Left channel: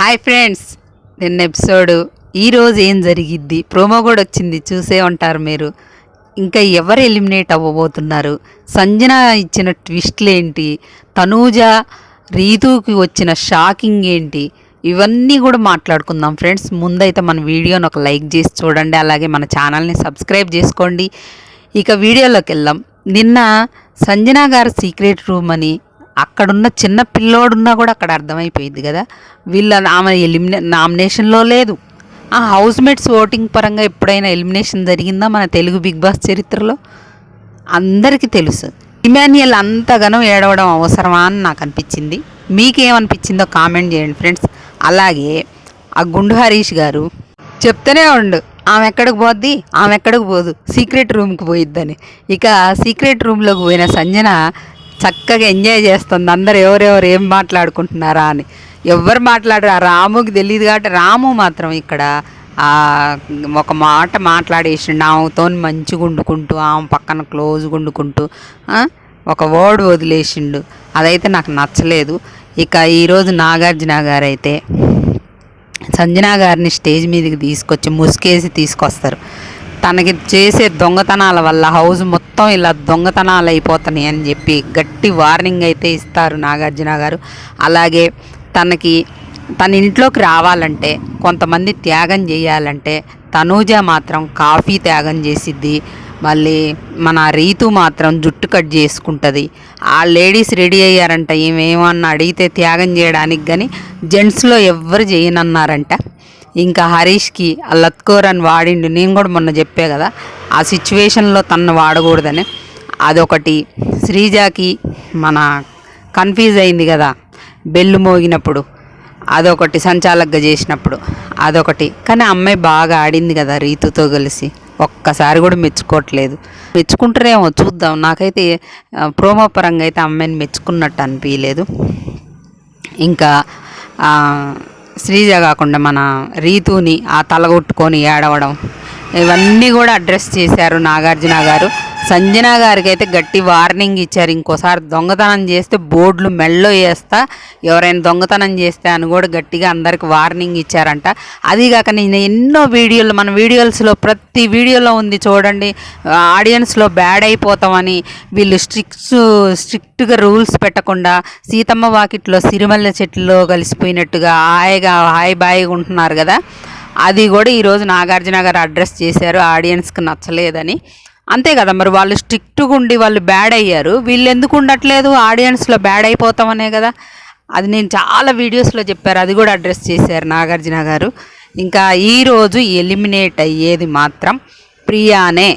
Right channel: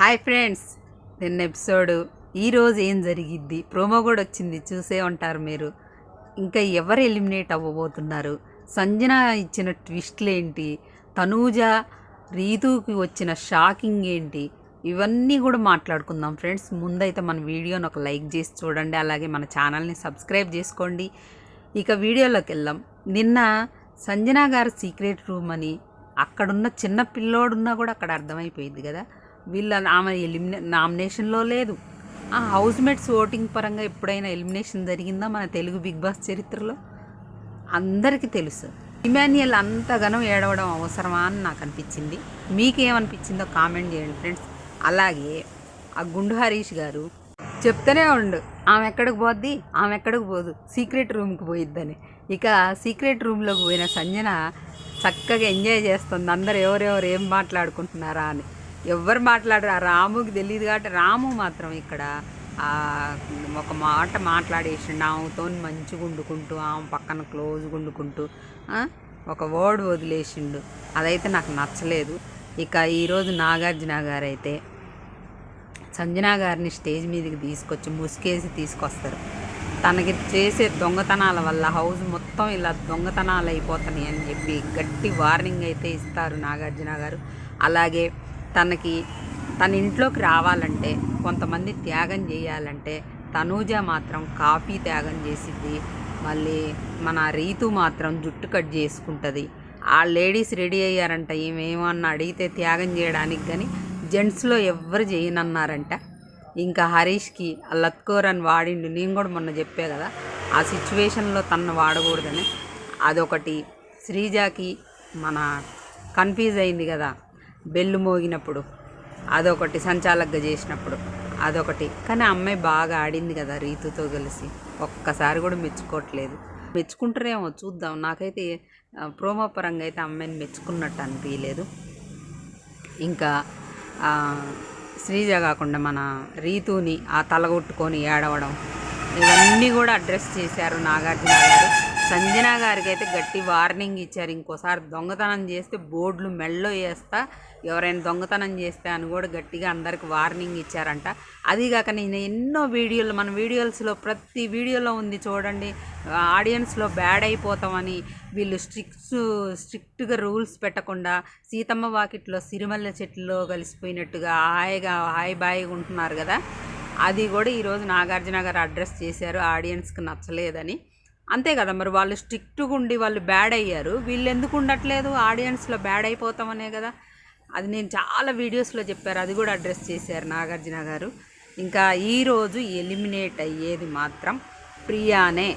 Hi friends, నిన్న episode ఈరోజు ఏం జరిగిద్ది, ప్రోమో కూడా వచ్చింది, చూసే ఉంటారు మీరు. ఇంకా ఎవరు ఎలిమినేట్ అవ్వబోతున్నారు, సంజన ఇచ్చిన ట్విస్ట్లు ఏంటి, తనూజ రీతుకి వచ్చిన షాకింగ్ ఏంటి, ఇవన్నీ కూడా మాట్లాడుకుందాం ఫ్రెండ్స్. ముందైతే మన వీడియోని ఒక లైక్ చేసి చూడండి, అలాగే మన ఛానల్ని సబ్స్క్రైబ్ చేసుకోండి. ఇక వీడియోలోకి వెళ్దాం. నిన్న సంజన గారు సీక్రెట్ రూమ్ అని అక్కడున్న చిన్న పిల్లోడున్నా కూడా అక్కడ అర్థమైపోయింది కదా, ఆమె నామినేషన్లో లేదు. ఆ హౌస్ మేట్స్ ఓటింగ్ పరంగా ఎప్పుడైనా ఎలిమినేషన్ జరిగిందా మన తెలుగు బిగ్ బాస్ చరిత్రలో? అందరికీ తెలుసు. ఇమాన్యుయల్ అంతగానో ఏడవడం అవసరమా అని నాకు అనిపించింది. మీకేమనిపించిందో కామెంట్ చేయండి ఫ్రెండ్స్. అలాగే ఆ గుండు హరీష్ గారు చెప్తూనే ఉండు, ఆమె ఎక్కడికి పోద్ది, ఆమె ఎక్కడికి పోదు, సీక్రెట్ రూమ్కి పోయిద్దని. ఇక సీక్రెట్ రూమ్లోకి పోయిన సంజన చక్కగా ఎంజాయ్ చేస్తుంది. అందరు ఎవరెవరు ఏం మాట్లాడుకుంటున్నారా అని. ఎవరు మాట్లాడరు, ఆ రాముకి తెలియదు కాబట్టి రాము మాత్రం ఇక్కడ ఒక మాట మాట్లాడేసిండు. ఆమెతో మంచిగా వండుకుంటూ, ఆమె పక్కన క్లోజ్గా వండుకుంటూ ఒక వర్డ్ వదిలేసిండు. అదైతే నాకు నచ్చలేదు. ఇక ఈరోజు నాగార్జున గారు అయితే సంజన గారిని స్టేజ్ మీదకి తీసుకొచ్చి ముసుకేసి తీసుకొస్తారు. తనకి చేసే దొంగతనాల వల్ల హౌస్ మొత్తం ఇలా దొంగతనాలు అయిపోతున్నాయి అని చెప్పి గట్టి వార్నింగ్ అయితే ఇస్తారు నాగార్జున గారు. అలాగే తన ఇంట్లోకి రావాలంటే, కొంతమంది త్యాగం చేయాలంటే తనూజ మాత్రం కాఫీ త్యాగం చేసిద్ది, మళ్ళీ మన రీతు మాత్రం జుట్టు కట్ చేసుకుంటుంది. ఆ లేడీస్ రెడీ అయ్యారంట ఏమేమన్నా అడిగితే త్యాగం చేయడానికి, కానీ జెంట్స్లో ఎవ్వరు చేయనన్నారంట. ఇంకా హరీష్కి ఆ లత్కోర్ అని వాడిండు. నేను కూడా మొన్న చెప్పే కదా, ఆ సిచ్యువేషన్లో తను వాడకూడదని. అదొకటి. శ్రీజాకి మన కన్ఫ్యూజ్ అయింది కదా బెల్లు మోగినప్పుడు, అదొకటి. సంచాలకగా చేసినప్పుడు అదొకటి. కానీ అమ్మాయి బాగా ఆడింది కదా రీతుతో కలిసి, ఒక్కసారి కూడా మెచ్చుకోవట్లేదు. మెచ్చుకుంటారేమో చూద్దాం. నాకైతే ప్రోమో పరంగా అయితే అమ్మాయిని మెచ్చుకున్నట్టు అనిపించలేదు. ఇంకా శ్రీజ కాకుండా మన రీతుని ఆ తలగొట్టుకొని ఏడవడం, ఇవన్నీ కూడా అడ్రస్ చేశారు నాగార్జున గారు. సంజన గారికి అయితే గట్టి వార్నింగ్ ఇచ్చారు. ఇంకోసారి దొంగతనం చేస్తే బోర్డులు మెళ్ళో వేస్తా, ఎవరైనా దొంగతనం చేస్తే అని కూడా గట్టిగా అందరికి వార్నింగ్ ఇచ్చారంట. అదిగాక నేను ఎన్నో వీడియోలు, మన వీడియోస్లో ప్రతి వీడియోలో ఉంది చూడండి, ఆడియన్స్లో బ్యాడ్ అయిపోతామని వీళ్ళు స్ట్రిక్ట్గా రూల్స్ పెట్టకుండా సీతమ్మ వాకిట్లో సిరిమల్లె చెట్టులో కలిసిపోయినట్టుగా హాయి బాయిగా ఉంటున్నారు కదా. అది కూడా ఈరోజు నాగార్జున గారు అడ్రస్ చేశారు. ఆడియన్స్కి నచ్చలేదని. అంతే కదా మరి, వాళ్ళు స్ట్రిక్ట్గా ఉండి వాళ్ళు బ్యాడ్ అయ్యారు, వీళ్ళు ఎందుకు ఉండట్లేదు, ఆడియన్స్లో బ్యాడ్ అయిపోతామనే కదా. అది నేను చాలా వీడియోస్లో చెప్పారు, అది కూడా అడ్రస్ చేశారు నాగార్జున గారు. ఇంకా ఈరోజు ఎలిమినేట్ అయ్యేది మాత్రం ప్రియానే.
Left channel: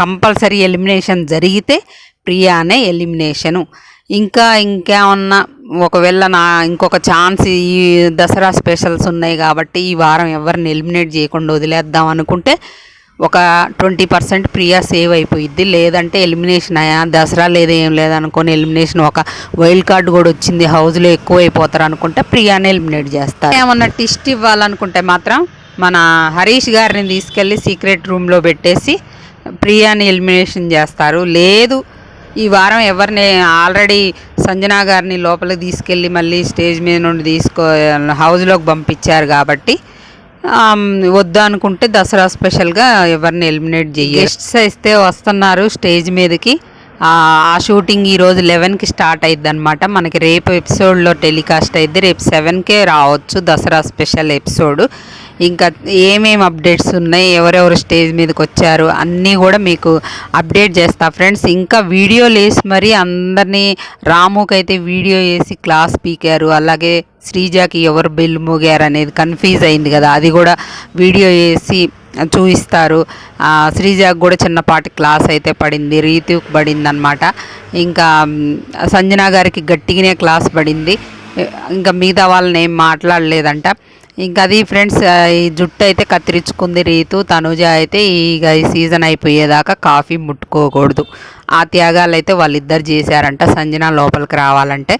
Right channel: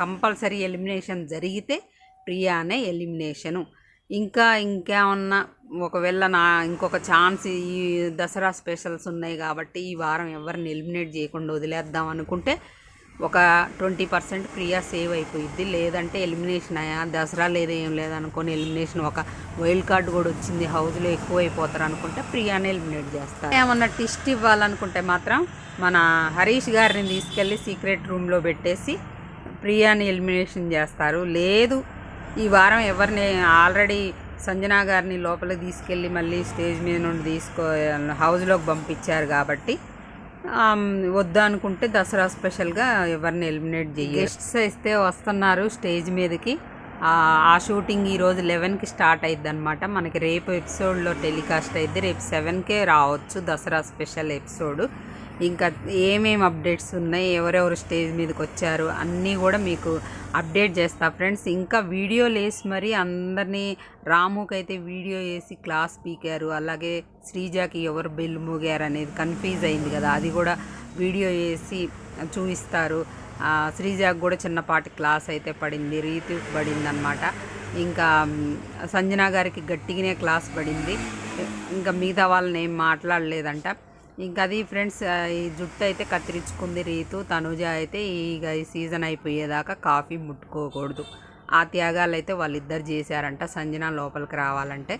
కంపల్సరీ ఎలిమినేషన్ జరిగితే ప్రియానే ఎలిమినేషను. ఇంకేమన్నా ఒకవేళ ఇంకొక ఛాన్స్, ఈ దసరా స్పెషల్స్ ఉన్నాయి కాబట్టి ఈ వారం ఎవరిని ఎలిమినేట్ చేయకుండా వదిలేద్దాం అనుకుంటే ఒక 20% ప్రియా సేవ్ అయిపోయిద్ది. లేదంటే ఎలిమినేషన్ అయ్యా, దసరా లేదేం లేదనుకొని ఎలిమినేషన్, ఒక వైల్డ్ కార్డ్ కూడా వచ్చింది, హౌస్లో ఎక్కువ అయిపోతారు అనుకుంటే ప్రియానే ఎలిమినేట్ చేస్తారు. ఏమన్నా టిస్ట్ ఇవ్వాలనుకుంటే మాత్రం మన హరీష్ గారిని తీసుకెళ్ళి సీక్రెట్ రూమ్లో పెట్టేసి ప్రియాని ఎలిమినేషన్ చేస్తారు. లేదు ఈ వారం ఎవరిని, ఆల్రెడీ సంజన గారిని లోపలికి తీసుకెళ్ళి మళ్ళీ స్టేజ్ మీద నుండి హౌస్లోకి పంపించారు కాబట్టి వద్దా అనుకుంటే దసరా స్పెషల్గా ఎవరిని ఎలిమినేట్ చేయాలి. గెస్ట్స్ అయితే వస్తున్నారు స్టేజ్ మీదకి. ఆ షూటింగ్ ఈరోజు 11కి స్టార్ట్ అయ్యిద్ది అనమాట. మనకి రేపు ఎపిసోడ్లో టెలికాస్ట్ అయ్యిద్ది. రేపు 7కే రావచ్చు దసరా స్పెషల్ ఎపిసోడ్. ఇంకా ఏమేమి అప్డేట్స్ ఉన్నాయి, ఎవరెవరు స్టేజ్ మీదకి వచ్చారు అన్నీ కూడా మీకు అప్డేట్ చేస్తా ఫ్రెండ్స్. ఇంకా వీడియోలు వేసి మరి అందరినీ, రాముకైతే వీడియో వేసి క్లాస్ పీకారు, అలాగే శ్రీజాకి ఎవరు బెల్లు మోగారు అనేది కన్ఫ్యూజ్ అయింది కదా, అది కూడా వీడియో వేసి చూపిస్తారు. శ్రీజాకి కూడా చిన్నపాటి క్లాస్ అయితే పడింది, రీతుకి పడింది అనమాట. ఇంకా సంజన గారికి గట్టిగానే క్లాస్ పడింది. ఇంకా మిగతా వాళ్ళని ఏం మాట్లాడలేదంట. ఇంకా అది ఫ్రెండ్స్, ఈ జుట్టు అయితే కత్తిరించుకుంది రీతు. తనుజ అయితే ఈ సీజన్ అయిపోయేదాకా కాఫీ ముట్టుకోకూడదు. ఆ త్యాగాలు అయితే వాళ్ళిద్దరు చేశారంట సంజన లోపలికి రావాలంటే.